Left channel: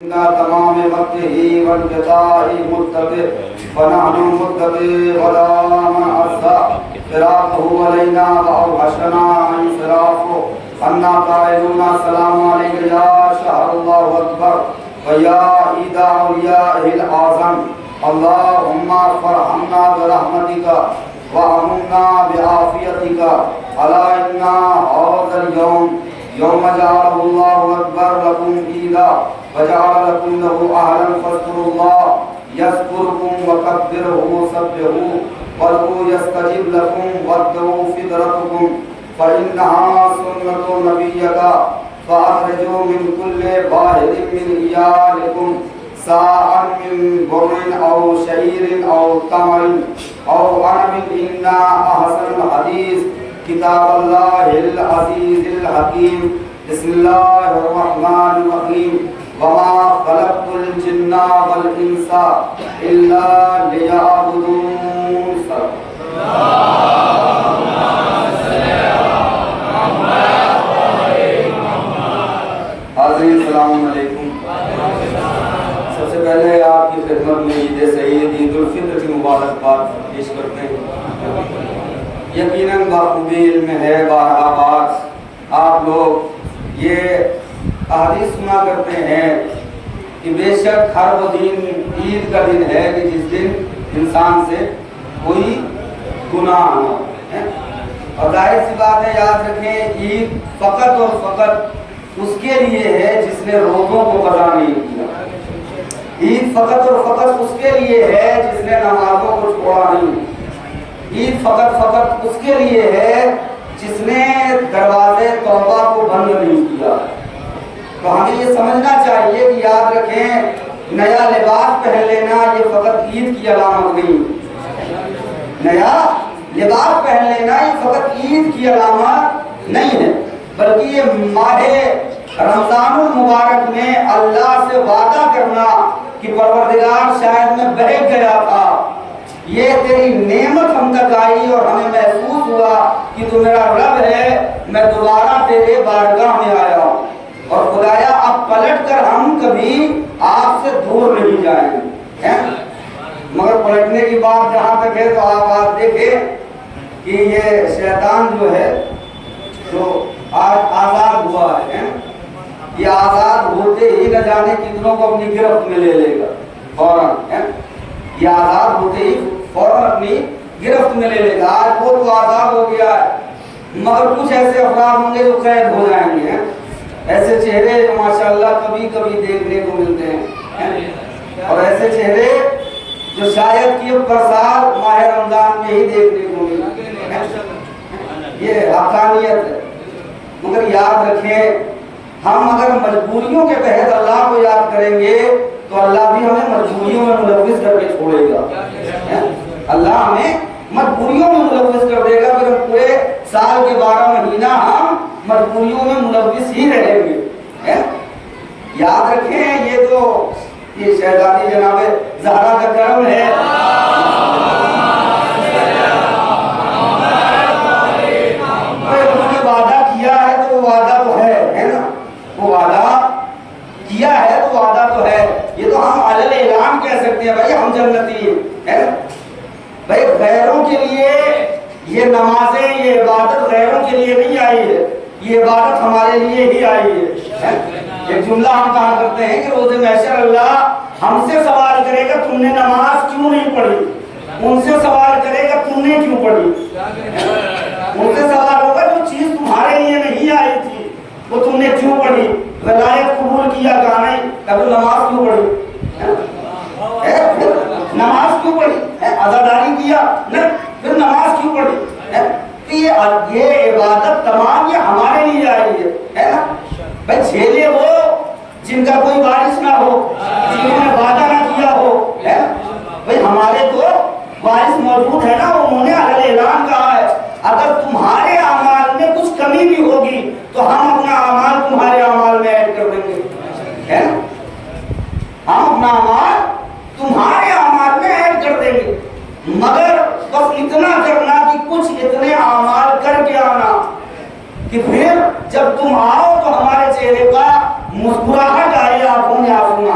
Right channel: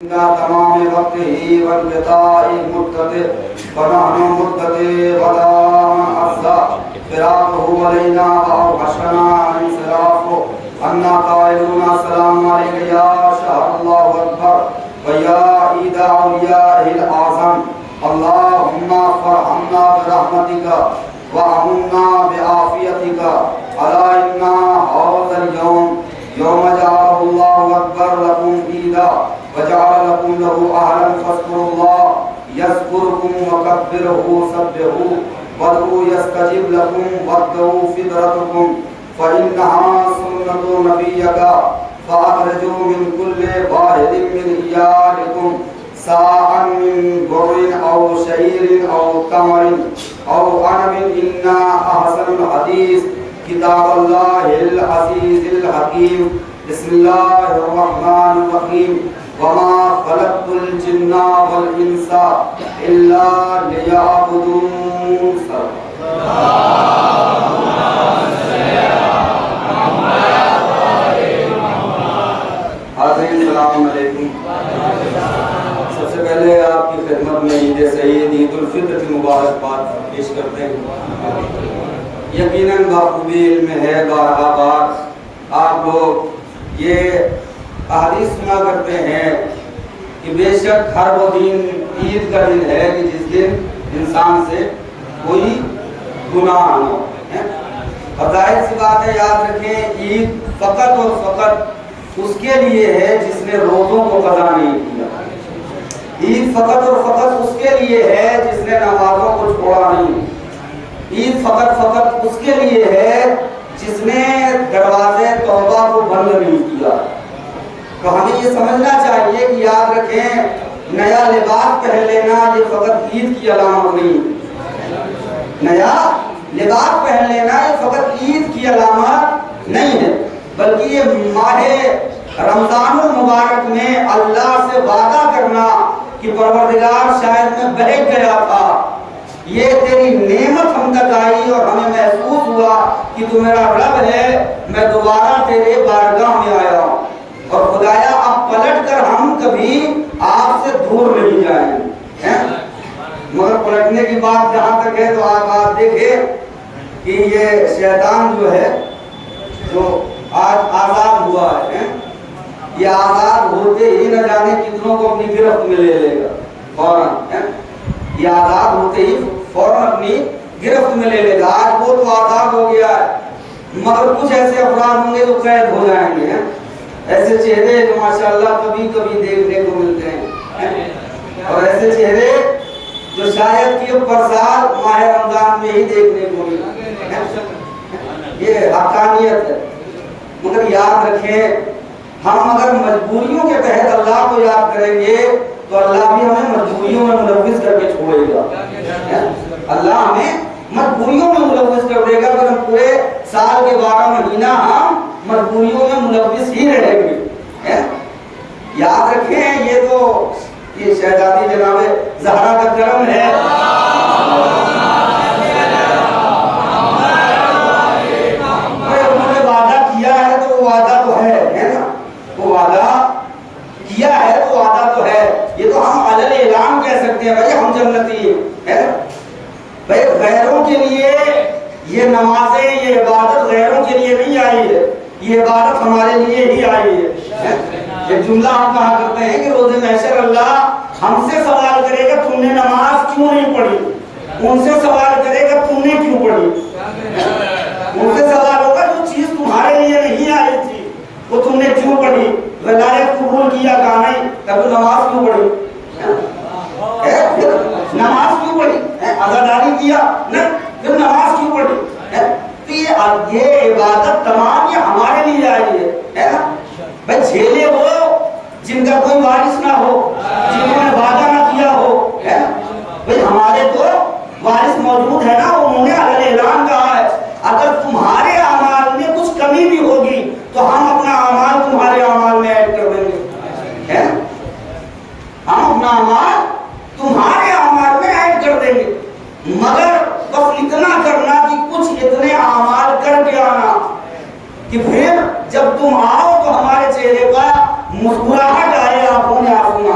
تمام وقته وانقطاع مدته فنحن مدته ولا من أصدى فراقه علينا وأوحشنا انصرافه أنا قائلون السلام عليك يا شهر الله أكبر ويا عيد أوليائه الأعظم اللهم فرحمنا برحمتك وأمنا بعافيتك ألا إن هذا اليوم يوم جعله الله أكبر لكم عيدا وجعل لكم له أهلا فاذكروا الله يذكركم وكبروه سبحوه وادعوه يستجب لكم وادعوا فطرتكم فإنها سنة نبيك فأخرجوا من كل واحد من إيالكم ساعا من بر أو شعير أو تمر أو عنب إن أحسن الحديث كتاب الله العزيز الحكيم بسم الله الرحمن الرحيم وما خلقت الجن والإنس إلا ليعبدون حاضرین السلام علیکم۔ سب سے پہلے آپ کی خدمت میں عید سعید عید الفطر کی مبارکباد پیش کرتے ہیں۔ یقیناً بخوبی علم ہے بارہا بار آپ لوگ یہ احادیث سنا کرتے ہیں کہ بے شک ہر وہ دن عید کا دن ہے کہ جس دن انسان سے کوئی گناہ نہ ہو، اور ظاہر سی بات ہے یاد رکھیں عید فقط اور فقط اس کے لیے ہے جس نے روزوں کو قضا نہیں کیا۔ عید فقط اور فقط اس کے لیے ہے جس نے نمازوں کو چھوڑا نہیں۔ عید فقط اس کے لیے ہے جس نے دروازے توبہ کو بند نہیں کیا۔ تو ہمیں یہ سمجھنا چاہیے کہ یاد رکھیں نیا لباس پہن لینا یہ فقط عید کی علامت نہیں، نیا لباس پہن لینا یہ فقط عید کی علامت نہیں ہے، بلکہ یہ ماہ رمضان المبارک میں اللہ سے وعدہ کرنا کہ پروردگار شاید میں بہک گیا تھا، یہ تیری نعمت ہم تک آئی اور ہمیں محسوس ہوا کہ تو میرا رب ہے، میں دوبارہ تیرے بارگاہ میں آیا ہوں، اور خدایا اب پلٹ کر ہم کبھی آپ سے دور نہیں جائیں گے۔ مگر پلٹنے کی بات جہاں تک ہے تو آپ دیکھیں کہ یہ شیطان جو ہے جو آج آزاد ہوا ہے، یہ آزاد ہوتے ہی نہ جانے کتنوں کو اپنی گرفت میں لے لے گا فوراً، یہ آزاد ہوتے ہی فوراً اپنی گرفت میں لے لے گا۔ آج وہ تو آزاد ہو گیا ہے مگر کچھ ایسے افراد ہوں گے جو قید ہو جائیں گے، ایسے چہرے جو ماشاءاللہ کبھی کبھی دیکھنے کو ملتے ہیں، اور ایسے چہرے جو شاید کہ اب برسال ماہ رمضان میں ہی دیکھنے کو ملتے ہیں، یہ حقانیت ہے۔ مگر یاد رکھیں ہم اگر مجبوریوں کے تحت اللہ کو یاد کریں گے تو اللہ بھی ہمیں مجبوریوں میں ملوث کر کے چھوڑے گا، اللہ ہمیں مجبوریوں میں ملوث کر دے گا، پھر ہم پورے سال کے 12 مہینہ ہم مجبوریوں میں ملوث ہی رہیں گے۔ یاد رکھیں یہ تو یہ شہزادی جناب زہرا کا کرم ہے، انہوں نے وعدہ کیا ہے تو وہ وعدہ تو ہے نا، وہ وعدہ کیا ہے تو وعدہ تو ہے، یہ تو ہم علل اعلان کہہ سکتے ہیں بھائی ہم جنتی ہیں۔ بھائی غیروں کے لیے یہ نمازیں یہ عبادت غیروں کے لیے نہیں آئی ہے، یہ عبادت ہمارے لیے ہی آئی ہے۔ ایک جملہ ہم کہا کرتے ہیں کہ روز محشر اللہ ہم سے سوال کرے گا تم نے نماز کیوں نہیں پڑھی، ان سے سوال کرے گا تم نے کیوں پڑھی، ان سے سوال ہوگا جو چیز تمہارے لیے نہیں آئی تھی وہ تم نے کیوں پڑھی، ولایت قبول کیا کہا نہیں تب نماز کیوں پڑھی، نماز کیوں پڑھی، عزاداری کیا نہیں پھر نماز کیوں پڑھی، تو یہ عبادت تمام یہ ہمارے لیے آئی ہے نا۔ بھائی جھیلے وہ جن کا کوئی وارث نہ ہو، جنہوں نے وعدہ نہ کیا ہو، بھائی ہمارے تو وارث موجود ہے نا، انہوں نے علیہ اعلان کہا ہے اگر تمہارے اعمال میں کچھ کمی بھی ہوگی تو ہم اپنا اعمال تمہارے اعمال میں ایڈ کر دیں گے، ہم اپنا اعمال تمہارے اعمال میں ایڈ کر دیں گے، مگر بس اتنا کرنا کہ کچھ اتنے اعمال کر کے آنا کہ پھر جب تم آؤ تو ہمارے چہرے پر مسکراہٹ آئے، آنکھوں میں آنسو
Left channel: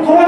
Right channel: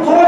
2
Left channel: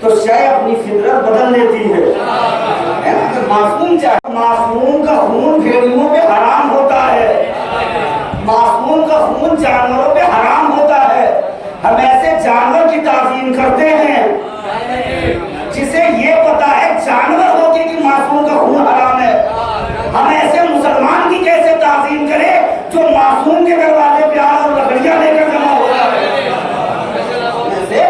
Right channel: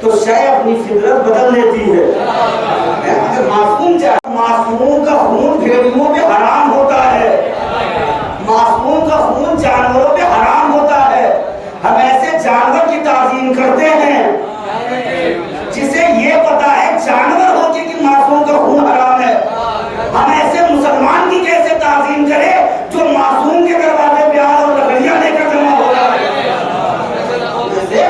تو شے اپنی فطرت بدل دیتی ہے. اگر معصوم چاہے، معصوم کا خون بھیڑیوں پہ حرام ہوتا ہے، معصوم کا خون جانوروں پہ حرام ہوتا ہے. ہم ایسے جانور کی تعظیم کرتے ہیں جسے یہ پتا ہے جانور ہو کے کہ معصوم کا خون حرام ہے. ہم ایسے مسلمان کی کیسے تعظیم کریں جو معصوم کے دروازے پہ آگ اور لکڑیاں لے کر جمع ہوتا ہے؟ ایسے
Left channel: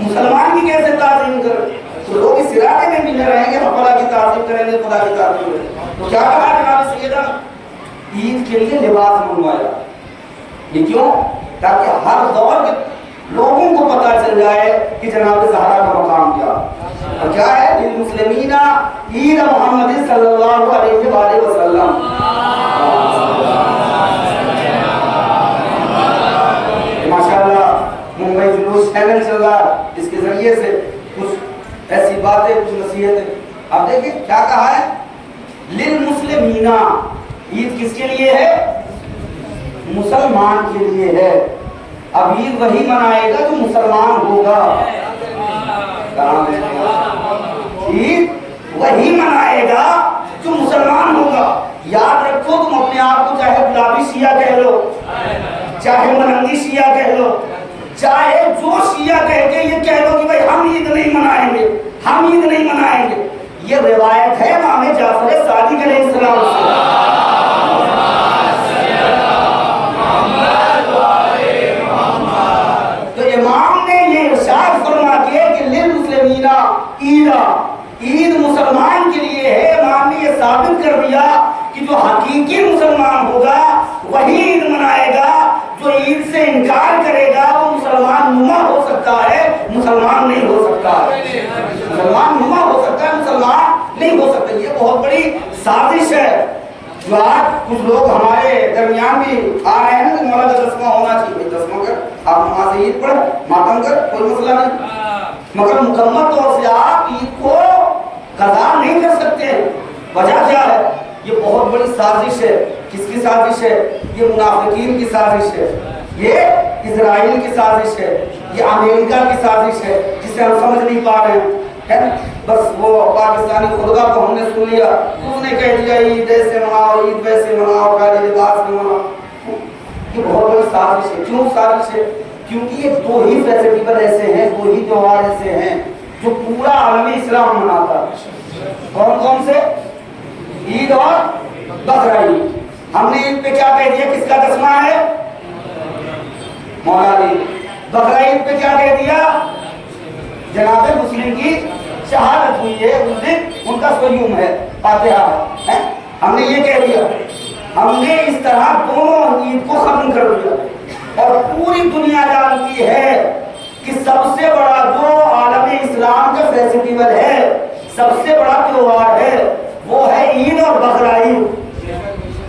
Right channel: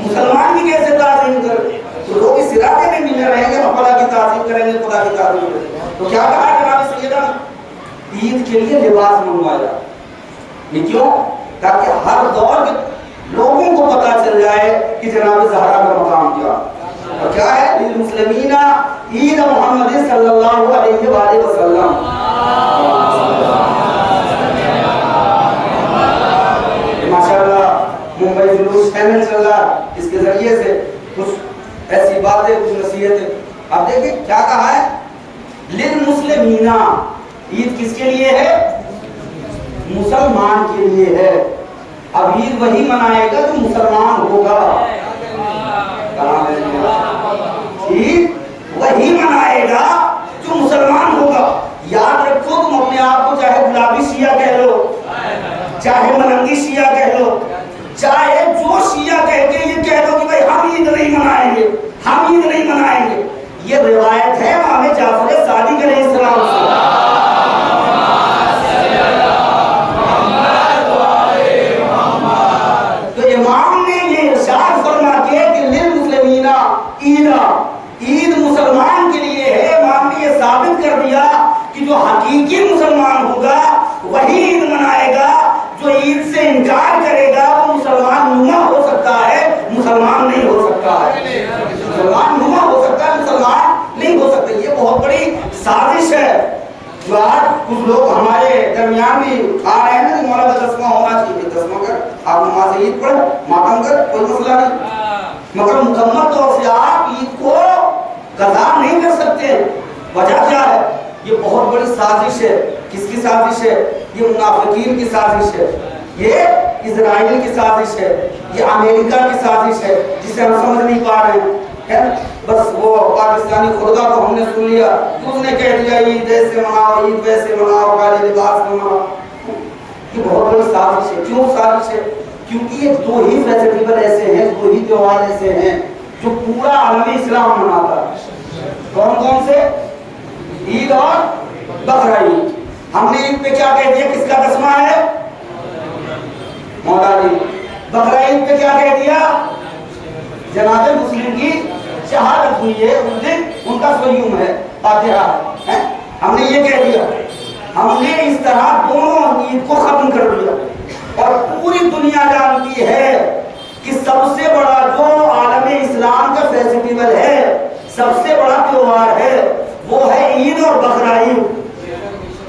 مسلمان کی کیسے تعظیم کریں؟ تو لوگ اس ارادے میں ملے رہیں گے ہم خدا کی تعظیم کریں گے، خدا کی تعظیم کریں گے. تو کیا کہا جناب سیدنا؟ عید کے لیے لباس منگوایا. یہ کیوں؟ تاکہ ہر دور کے لوگوں کو پتہ چل جائے کہ جناب زہرا کا مقام کیا. اور کیا ہے؟ للمسلمین عید محمد صلی اللہ علیہ وآلہ وسلم. ماشاءاللہ ممبئی جلوس چینل چل رہا، اس کے ذریعے سے کچھ ایسی باتیں، کچھ نصیحتیں. آپ دیکھیں کیا کہا ہے؟ للمسلمین. عید کس کے لیے ہے؟ مسلمان کے لیے ہے. اب عید وہی منائے گا جو مسلمان ہوگا. عید وہی منائے گا جو مسلمان ہوگا. یاد رکھو، تم اپنے آپ کو چاہے گلابی شیعہ کہہ لو، چاہے ملنگی شیعہ کہہ لو، چاہے جو شیعہ کہہ کے یہ کہہ دو کہ بھائی ہم عید نہیں منائیں گے، ہم عید نہیں منائیں گے. یہ روایت ہے امام جعفر صادق علیہ السلام سے. تو امام نے یہ ارشاد فرما کے کہ للمسلمین عید مسلمان کے لیے ہے. امام نے یہ ثابت کر دیا کہ جو حقیقی مسلمان ہوگا وہی عید منائے گا. جو عید سے انکار کرے گا وہ مسلمان نما ہو سکتا ہے، مسلمان نہیں ہو سکتا ہے. مسلمان نما ہو سکتا ہے، مسلمان نہیں ہو سکتا. یہ بہت بڑی سازش ہے جو آج کچھ لوگ ہمارے درمیان بھی آ رہے ہیں نا کہ مولانا دسواں ہونا چاہیے. دسواں کر آپ نماز عید پڑھ، ماتم کر، کوئی مسئلہ نہیں، مگر مکمل طور سے آپ عید کو قضا نہیں کر سکتے. وجہ کیا ہے؟ یہ بہت بڑی سازش ہے. کس کی سازش ہے؟ یہ منافقین کی سازش ہے، یہ اسرائیل کی سازش ہے، یہ امریکہ کی سازش ہے جسے ہم سمجھ نہیں پا رہے ہیں. بس وہ پاکستانی خدا کو ہم نے سن لیا، اس نے کہہ دیا عید ایسے مناؤ، عید ویسے مناؤ، کالے لباس میں مناؤ. یہ بہت بڑی سازش ہے. کیوں سازش ہے؟ کیونکہ یہ دو ہی فیسٹیول ایسے ہیں، دو ہی تہوار ایسے ہیں جو پورا عالم اسلام مناتا ہے. کون کون سے؟ عید اور بقرہ عید. ہم نے عید پہ کیا کہہ دیا؟ کس کا تسمہ ہے؟ مولا علی. بقرہ عید پہ کیا کہہ دیا؟ جناب مسلم کی شہادت ہوئی ہے، اس دن ان کا سیوم ہے، فاتحہ ہے. ہم نے یہ کہہ دیا. ہم نے اس طرح دونوں عید کو ختم کر دیا. اور پوری دنیا جانتی ہے کہ سب سے بڑا جو عالم اسلام کا فیسٹیول ہے، سب سے بڑا تہوار ہے، وہ ہے عید اور بقرہ عید.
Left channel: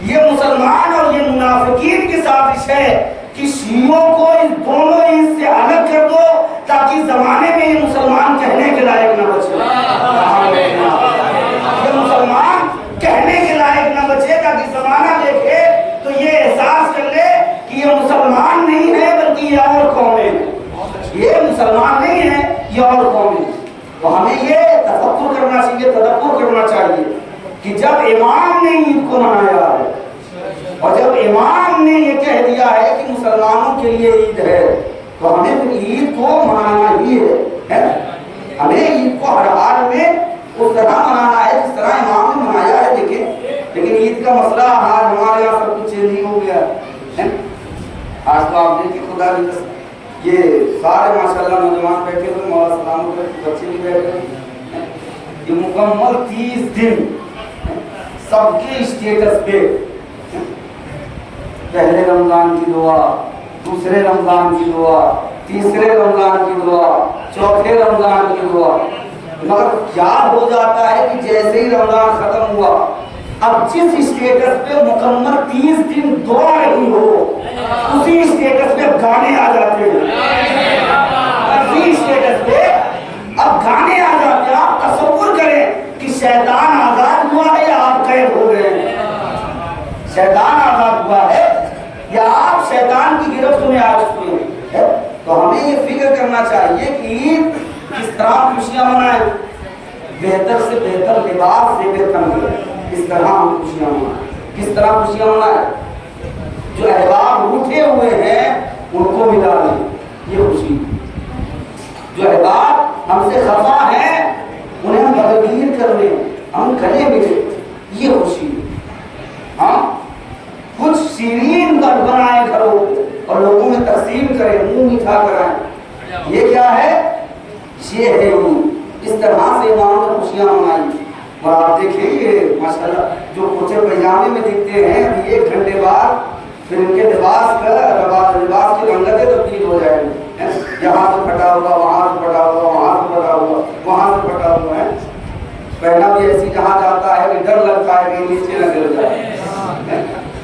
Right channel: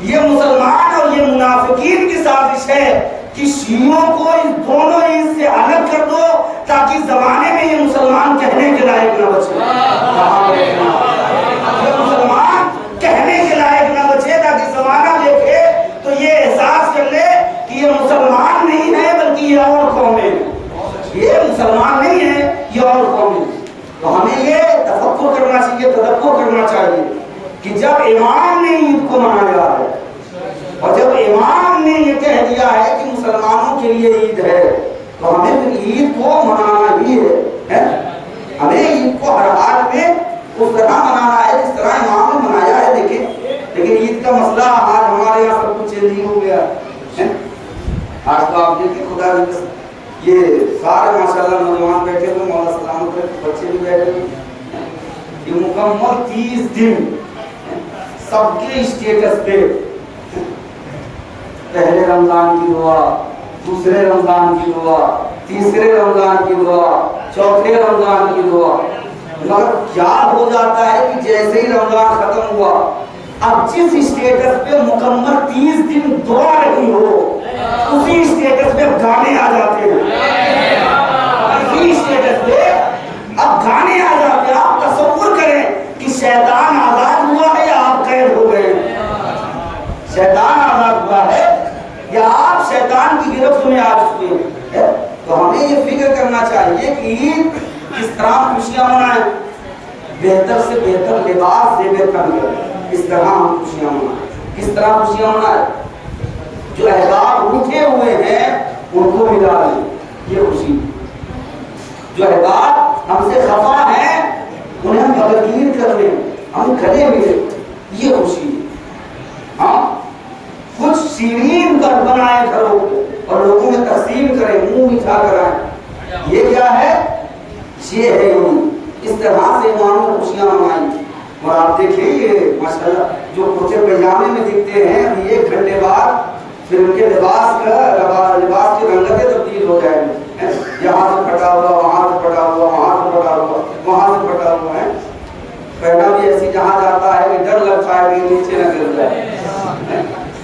یہ مسلمان اور یہ منافقین کی سازش ہے کہ شیعوں کو اس دونوں عید سے الگ کر دو تاکہ زمانے میں یہ مسلمان کہنے کے لائق نہ بچے. یہ مسلمان کہنے کے لائق نہ بچے تاکہ زمانہ دیکھے تو یہ احساس کر لے کہ یہ مسلمان نہیں ہے بلکہ یہ اور قومیں ہیں. یہ مسلمان نہیں ہے، یہ اور قومیں. تو ہمیں یہ تفکر کرنا چاہیے، تدبر کرنا چاہیے کہ جب امام نے عید کو منایا ہے اور جب امام نے یہ کہہ دیا ہے کہ مسلمانوں کے لیے عید ہے تو ہمیں پھر عید کو منانا ہی ہے. ہمیں عید کو ہر حال میں اس طرح منانا ہے جس طرح امام نے منایا ہے. دیکھیں لیکن عید کا مسئلہ آج ہمارے یہاں سب کچھ چینج ہو گیا ہے. آج تو آپ دیکھیں خدا یہ سارے ماشاءاللہ نوجوان بیٹھے تو مولا سلام پر بچے بھی بیٹھے. یہ مکمل 30 دن سب کے اسٹیٹس پہ پہلے رمضان کی دعا، دوسرے رمضان کی دعا، تیسرے رمضان کی دعا، چوتھے رمضان کی دعا. مگر کیا ہو جاتا ہے کہ جیسے ہی رمضان ختم ہوا اب جس اسٹیٹس پہ مکمل 30 دن دعا نہیں ہو اسی اسٹیٹس پہ گانے آ جاتے ہیں. اسی اسٹیٹس پہ اب گانے آ جاتے ہیں. آپ تصور کریں کہ شیطان آزاد ہوا ہے یا آپ قید ہو گئے؟ شیطان آزاد ہوا ہے یا آپ شیطان کی گرفت میں آ چکے ہیں. تو ہمیں یہ فکر کرنا چاہیے کہ عید کس طرح خوشیاں منائیں؟ بہتر سے بہتر لباس زیب تن کریں، اس طرح ہم خوشیاں منائیں۔ کس طرح خوشیاں منائیں؟ جو احباب روٹھے ہوئے ہیں ان کو ملا لیں، یہ خوشی۔ جو احباب ہم سے خفا ہیں انہیں ہم بغدیر کر لیں، ہم گلے ملیں، یہ خوشی۔ ہاں کچھ شیرین گھر بنائیں گھروں اور لوگوں میں تقسیم کریں، منہ میٹھا کرائیں، یہ کیا ہے؟ یہ ہے اس طرح سے امام نے خوشیاں منائی۔ اور آپ دیکھیں یہ ماشاءاللہ جو کوچے پیجامے میں دکھتے ہیں ابھی 1 گھنٹے بعد پھر ان کے لباس کی رنگتیں تبدیل ہو جائیں گی، یہاں سے پھٹا ہوا، وہاں سے پھٹا ہوا، وہاں سے پھٹا ہوا، وہاں سے پھٹا ہوا ہے۔ پہنا بھی ایسی جہاں جاتا ہے کہ ڈر لگتا ہے کہ نیچے نہ گر جائے۔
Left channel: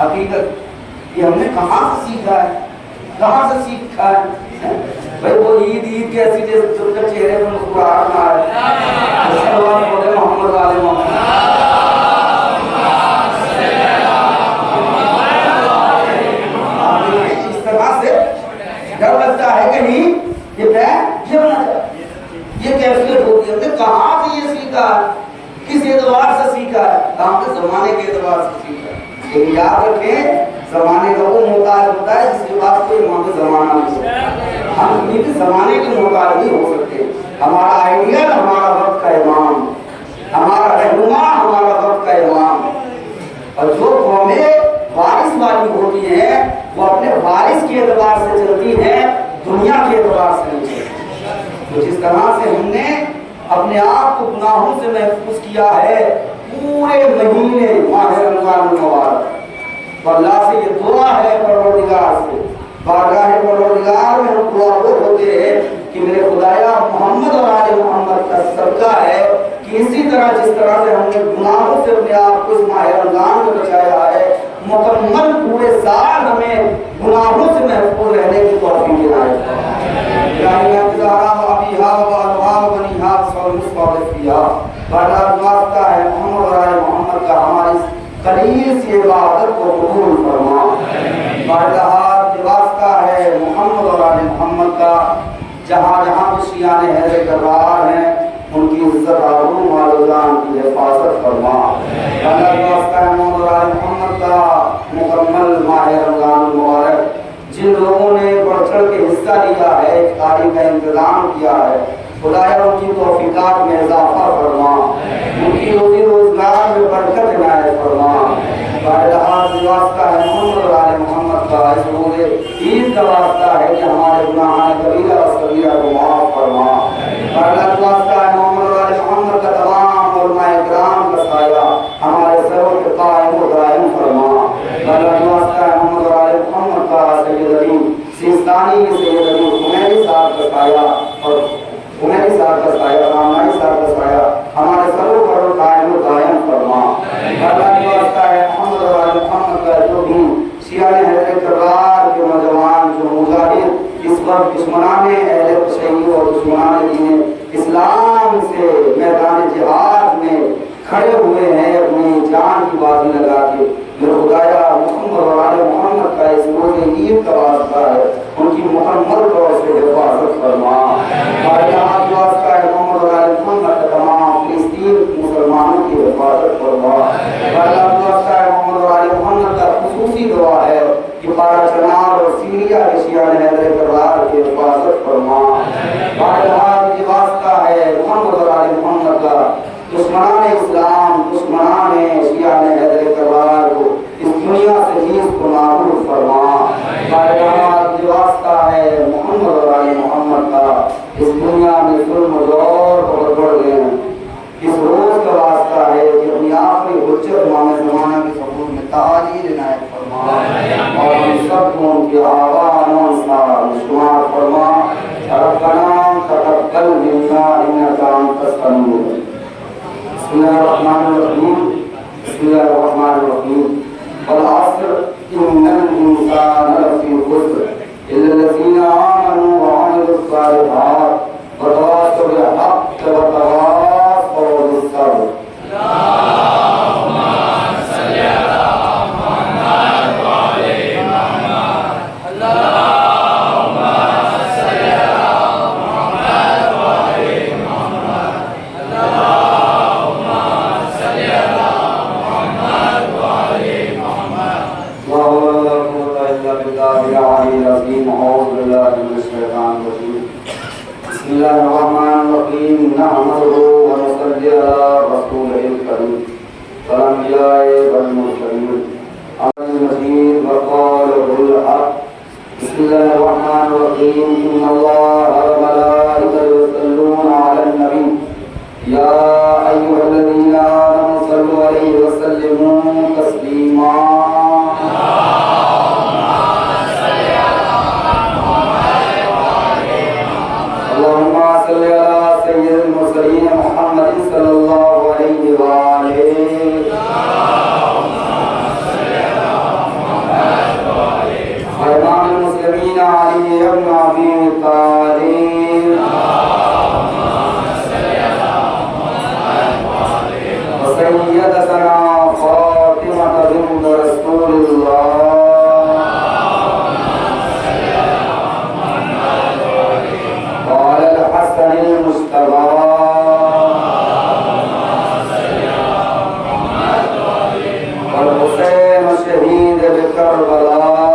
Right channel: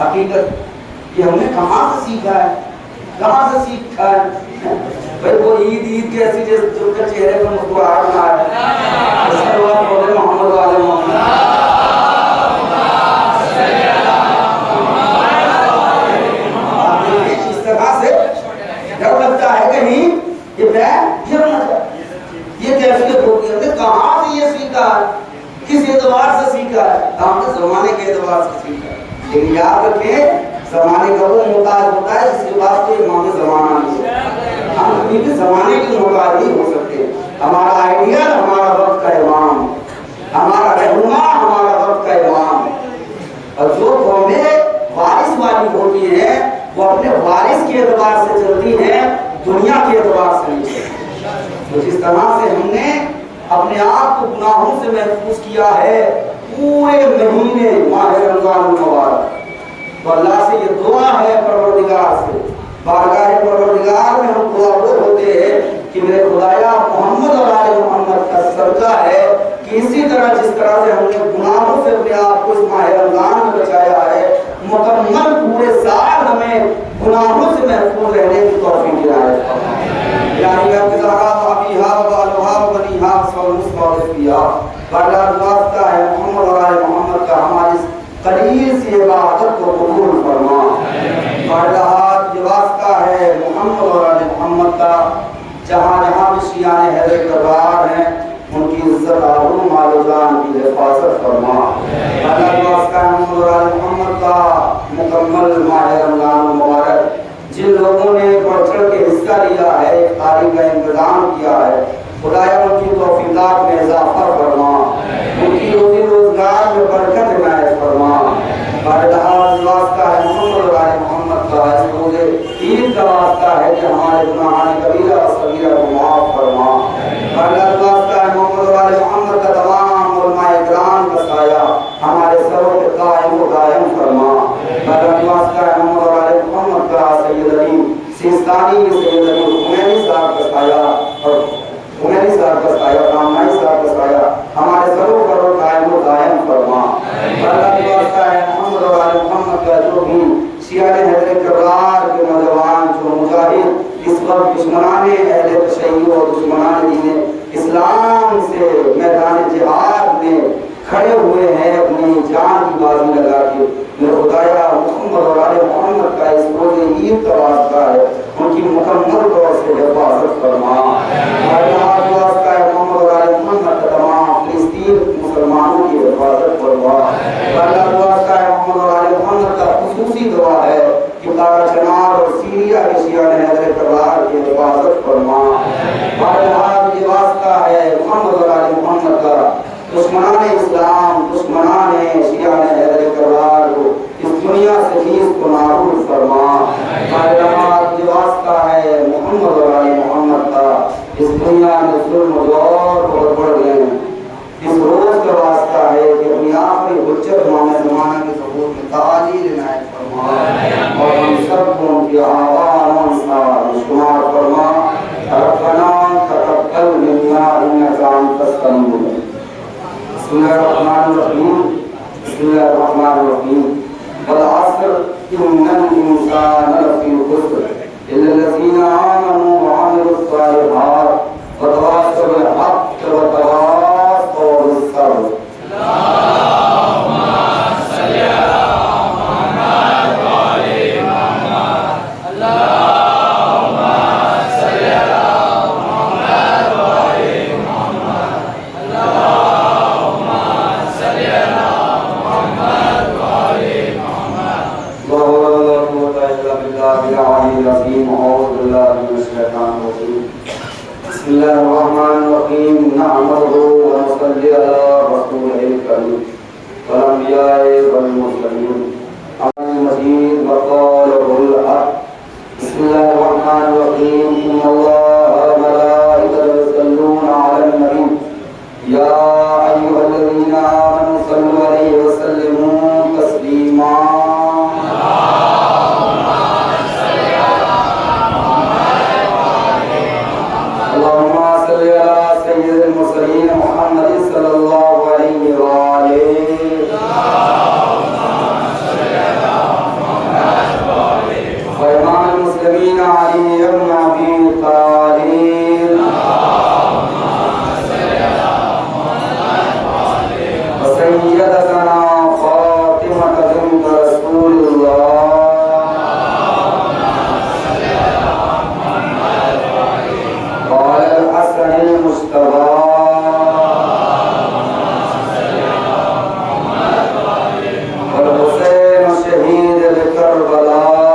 حقیقت یہ ہم نے کہاں سے سیکھا ہے؟ کہاں سے سیکھا ہے؟ بھائی وہ عید کیسی جو چہرے پر مسکراہٹ نہ آئے، اس کے بعد بولے محمد والے محمد، اس طرح سے ڈر لگتا ہے کہیں یہ پیر گر نہ جائے۔ یہ کیفیت ہوتی ہے، کہاں سے یہ سیکھا ہے؟ کس اعتبار سے سیکھا ہے؟ ہم نے زمانے کے اعتبار سے سیکھا ہے۔ لیکن یاد رکھیں زمانے کا وہ محتاج ہوتا ہے جس کے پاس کوئی امام زمانہ نہیں ہے۔ ہم کبھی بھی زمانے کے محتاج نہیں ہو سکتے۔ ہمارا آئیڈیل ہمارا وقت کا امام، ہمارا رہنما ہمارا وقت کا امام۔ اور جو قومیں وارث والی ہوتی ہیں وہ اپنے وارث کے اعتبار سے چلتی ہیں، دنیا کے اعتبار سے نہیں چلتی۔ تو جس طرح سے ہم نے اپنے آپ کو گناہوں سے محفوظ کیا ہے پورے مہینے ماہ رمضان المبارک، تو اللہ سے یہ دعا ہے پروردگار سے، بارگاہ پروردگار میں ہم دعا وہ ہوتے ہیں کہ میرے خدایا محمد اور آل محمد کا صدقہ ہے کہ اسی طرح جس طرح سے ہم نے گناہوں سے اپنے آپ کو اس ماہ رمضان میں بچایا ہے، مکمل پورے سال ہمیں گناہوں سے محفوظ رہنے کی توفیق عنایت فرمائے۔ الہی میں بزارا وابیہا وبالہا وبنیہا وصول مصطفیٰ فیہا، بارگاہ واسطہ ہے محمد اور آل محمد کا ہماری قلیل سی عبادت کو قبول فرما۔ بارگاہ یہ واسطہ ہے محمد اور آل محمد کا، جہاں جہاں بھی شیعان حیدر کرار ہیں ان کی عزت آبرو مال و جان کی حفاظت فرما۔ اللہ واسطہ ہے محمد اور آل محمد کا مکمل ماہ رمضان مبارک جن لوگوں نے بڑھ چڑھ کے حصہ لیا ہے، افطاری کا انتظام کیا ہے، خدایا ان کی توفیقات میں اضافہ فرما، ان کی روزی روزگار میں برکت عنایت فرما۔ بارگاہ واسطہ ہے محمد اور آل محمد کا، اس روزے عید کا واسطہ ہے کہ ہمارے گناہان کبیرہ و صغیرہ کو معاف فرما۔ بارگاہ واسطہ ہے محمد اور آل محمد کا تمام علماء کرام کا سایہ ہمارے سروں پہ قائم و دائم فرما۔ بارگاہ واسطہ ہے محمد اور آل محمد کا سید علی سیستانی، سید علی خمینی صاحب کا سایہ اور خمینی صاحب کا سایہ، رامائی صاحب کا سایہ ہمارے سروں پر قائم و دائم فرما۔ اللہ کی واسطہ ہے محمد اور آل محمد کا جو بھی شیعہ حیدر کرار کے نوجوان جو مجاہد اس وقت دشمنان اہل تشیع اور دشمنان دین اسلام سے میدان جہاد میں کھڑے ہوئے ہیں اپنی جان کی بازی لگا کے، میرے خدایا محمد اور آل محمد کا اس روز عید کا واسطہ ہے ان کی مکمل طور سے حفاظت فرما۔ اللہ کی واسطہ ہے محمد اور آل محمد کا تمام فلسطین مسلمانوں کی حفاظت فرما۔ اللہ کی واسطہ ہے محمد اور آل محمد کا خصوصی دعا ہے کہ بارہ چنار اور سیریا کے شیعہ حیدر کرار کی حفاظت فرما۔ اللہ کی واسطہ ہے محمد اور آل محمد کا دشمنان اسلام، دشمنان شیعہ حیدر کرار کو اس دنیا سے نیز کو نابود فرما۔ اللہ کی واسطہ ہے محمد اور آل محمد کا اس دنیا میں ظلم و جور کو بڑھ گئے ہیں، اس روز کا واسطہ ہے کہ اپنی آخری حجت امام زمانہ کی حضور میں تعالیل عنایت فرما اور ہم سب کو ان کی آبان و انصار شمار فرما۔ ربنا تقبل منا انک انت السمیع العلیم۔ بسم اللہ الرحمن الرحیم، بسم اللہ الرحمن الرحیم۔ والعصر ان الانسان لفی خسر الا الذین آمنوا وعملوا الصالحات وتواصوا بالحق وتواصوا بالصبر۔ اللهم صل علی محمد وعلى محمد، اللهم صل علی محمد وعلى الله الرحمن الرحيم نحمده ونصلي على رسوله الكريم والأنبياء والمرسلين عن المجيد وقاله الحق. بسم الله الرحمن الرحيم إن الله وملائكته يصلون على النبي يا أيها الذين آمنوا صلوا عليه وسلموا تسليما. اللهم صل على سيد المرسلين محمد صلى الله عليه وآله وإمام المسلمين علي بن أبي طالب وسيدتنا فاطمة بنت رسول الله وعلى الحسن المجتبى والحسين شهيد بكربلاء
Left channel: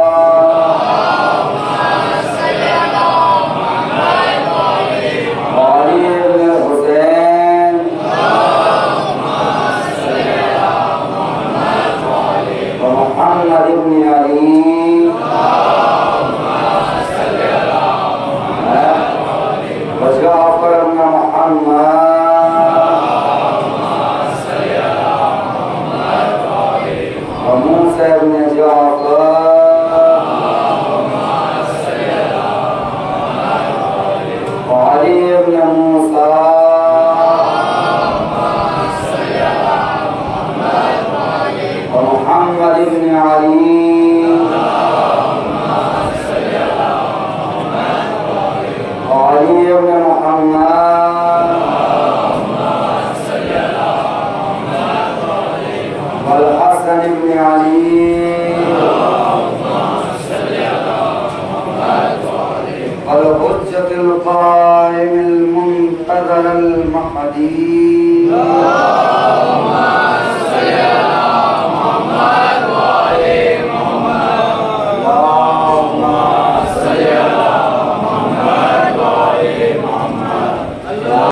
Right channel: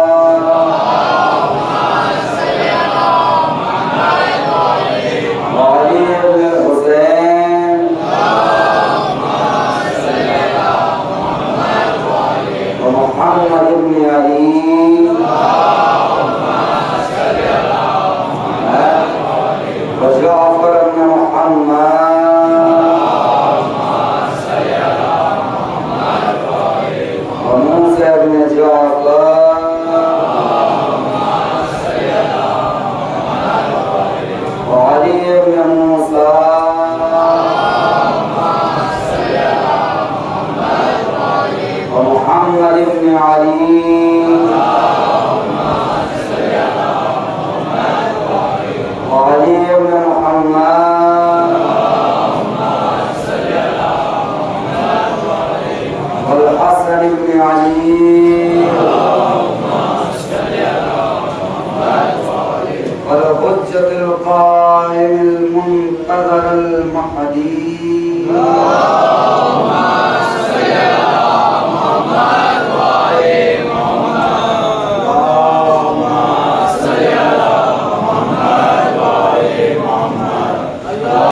وعلي بن الحسين ومحمد بن علي وجعفر بن محمد وموسى بن جعفر وعلي بن موسى ومحمد بن علي وعلي بن محمد والحسن بن علي والحجة القائم المنتظر المهدي